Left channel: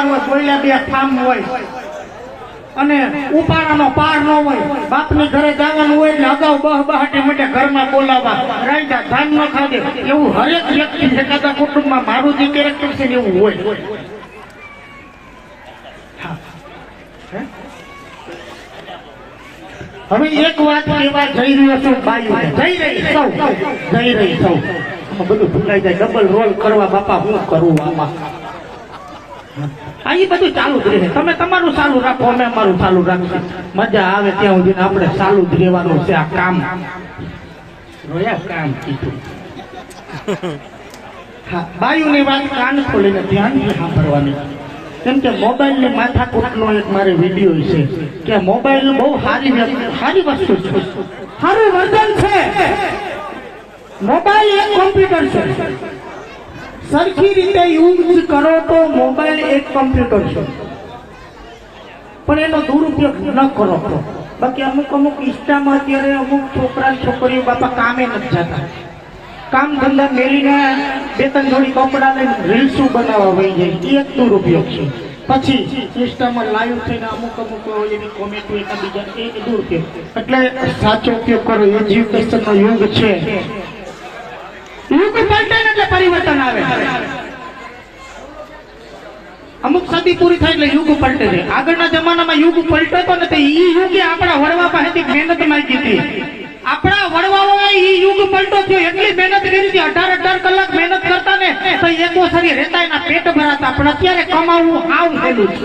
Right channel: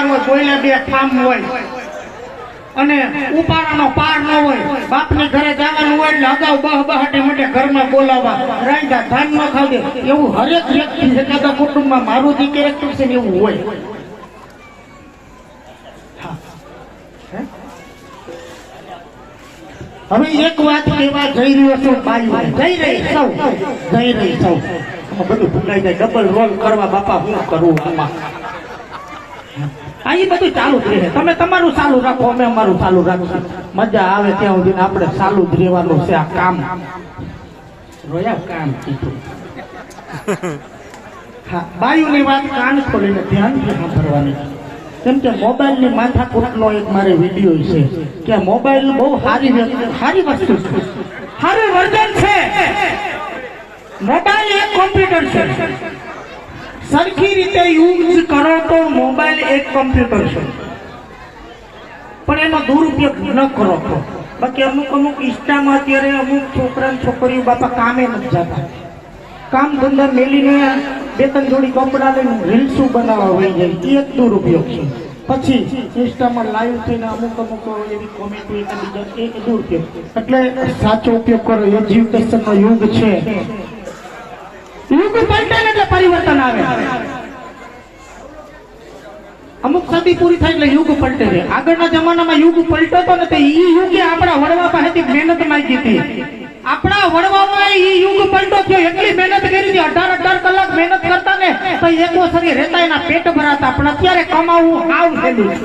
તહેવાર હોય, કોઈલા બે ફાર્મ હોય અને ઉપાડાનો પાર ન હોય, બાપની ઘરે જવાનું હોય એટલે અગાઉ બહાટી માટે ઘરમાં બોલાવવા, રાંધા ધાન ન ખાવે, એવું હરેક વ્યક્તિ એખાદા કુટુંબમાં મારું જે કેરેક્ટર છે એવું હોય. હવે એક વાત કહેવા જઈ રહ્યો છું ભાઈઓ, જઈ રહી સૌ બધું ભૂલાઈ જાય, ડબલ રોલ કરવા બાપા હું કરું આમાં. આ બધું ચાલુ જ રહે, તમે તમારું ચાલુ રાખો, અમે અમારું ચાલુ રાખશું. મજા આવે ત્યાં સુધી આપણે ચાલુ જ રહેવાનું છે. આ કામ કામ કીધું. હા, બાયુની વાત કાન ખોલીને ધ્યાનથી સાંભળવાની. કેમ કે મોબાઈલની માથાકૂટનો એક મારે વિડીયો છે કે મોબાઈલ બહુ સારી વસ્તુ છે, સારું વર્જન છે. મોબાઈલ એક કોમ્પ્યુટર છે, સરખી રીતે યુઝ કરો તો મોબાઈલ એક કોમ્પ્યુટર છે, પણ એનો દુરુપયોગ ન કરો તો. બાકી અમુક ઇન્સ્ટામાં અત્યારે અમુક છોકરા છોકરીઓ બાપા કામે નથી જતા, કામ ધંધા મેલીને બે ત્રણ જોડી કપડા લઈને રીલ્સો બનાવવા વહી જાય, એ એક દુરુપયોગ છે. પછી ઇન્સ્ટામાં લાઈવ થઈને અમુક એવી કોમેડી બીજા એક દુરુપયોગ. એટલે સાચો ઉપયોગ કરો. એજ્યુકેશનનો યુગ છે, યુગ પલટે એટલે પરિવર્તન આવે. અમુક સદી પૂરી થાય એટલે યુગ પલટે છે. આગળના જમાનામાં યુગ પલટતો નથી, એ યુગે આપણા વડવા પાસેથી મહેનત માંગી હતી. આપણા વડવામાં એ યુગ પલટો થયો, એટલી મહેનત કરી હતી, 18 કલાક મહેનત કરતા ને તો એકો શરીર રહેતા, એના પેટ ભરાતા. પણ અત્યારે કમાવું આવ થયેલું છે.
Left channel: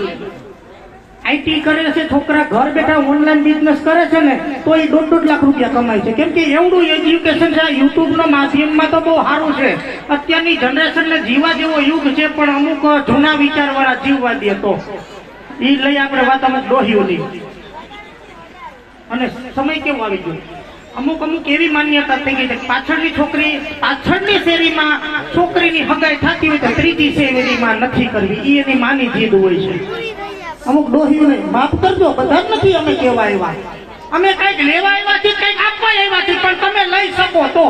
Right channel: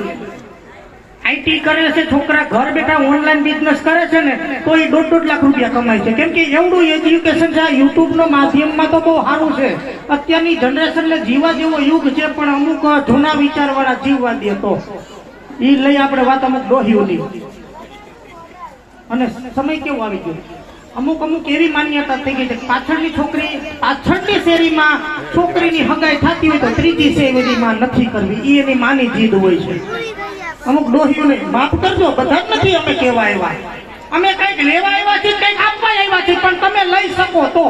આઈટી કરે છે છોકરા, ઘર બેઠા ઓનલાઈન બિઝનેસ કરે છે ને તો એ 1.5 લાખ રૂપિયા કમાય છે. કેમ કે એવડું એજ્યુકેશન છે. આ યુટ્યુબના માધ્યમમાં તો બહુ સારું છે. અત્યારની જનરેશનને જીવા જેવો યુગ છે, પણ અમુક જૂના વિચારવાળા જીવવા દે તો એ લઈ આપણે વાત અમુક ડોહ્યુંની. અને સમય કેવો આવી ગયો, અમુક એવી માન્યતા થઈ ગઈ છે પાછળની શેરીમાં છોકરીની હગાઈ થતી હોય તો ત્રીજી શેરીમાં નથી કરવી, એ એની માની જીદ હોય છે. અમુક ડોહીઓને માફ કરજો, બધા જ નથી અમે કેવા આવ્યા. અમે કઈક લેવા આવ્યા છીએ, કઈક આપવા આવ્યા છીએ, પણ તમે લઈ શકો તો.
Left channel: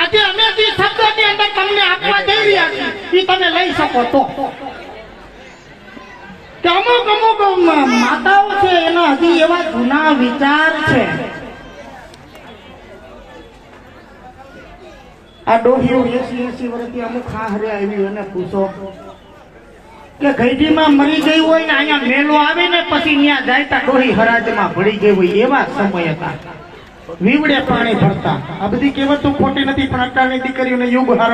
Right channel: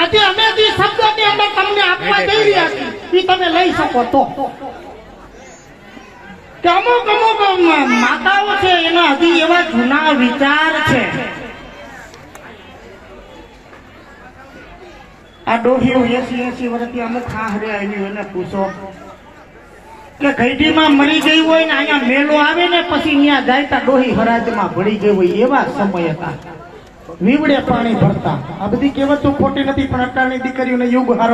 આજે અમે જે શબ્દોની અંદર તમને આપવા જઈ રહ્યા છીએ એ તમે લઈ શકો તો. કે અમુક માતાઓ છે એના હજી એવા જૂના વિચાર છે. આ ડોહીઓ 80 વર્ષથી અમુક હારે આવી હોય ને પૂછો કે ઘઈડીમાં મરી ગઈ હોય ને અહીંયા મેલો આવે ને પછી ત્યાં જાય તા ડોહી હરાજમાં ભળી ગઈ હોય, એવા સમય હતા. વીવડે પાણી ભરતા. આ બધી કહેવતો ખોટી નથી, પણ અટાણી દીકરીઓને યુગ હારા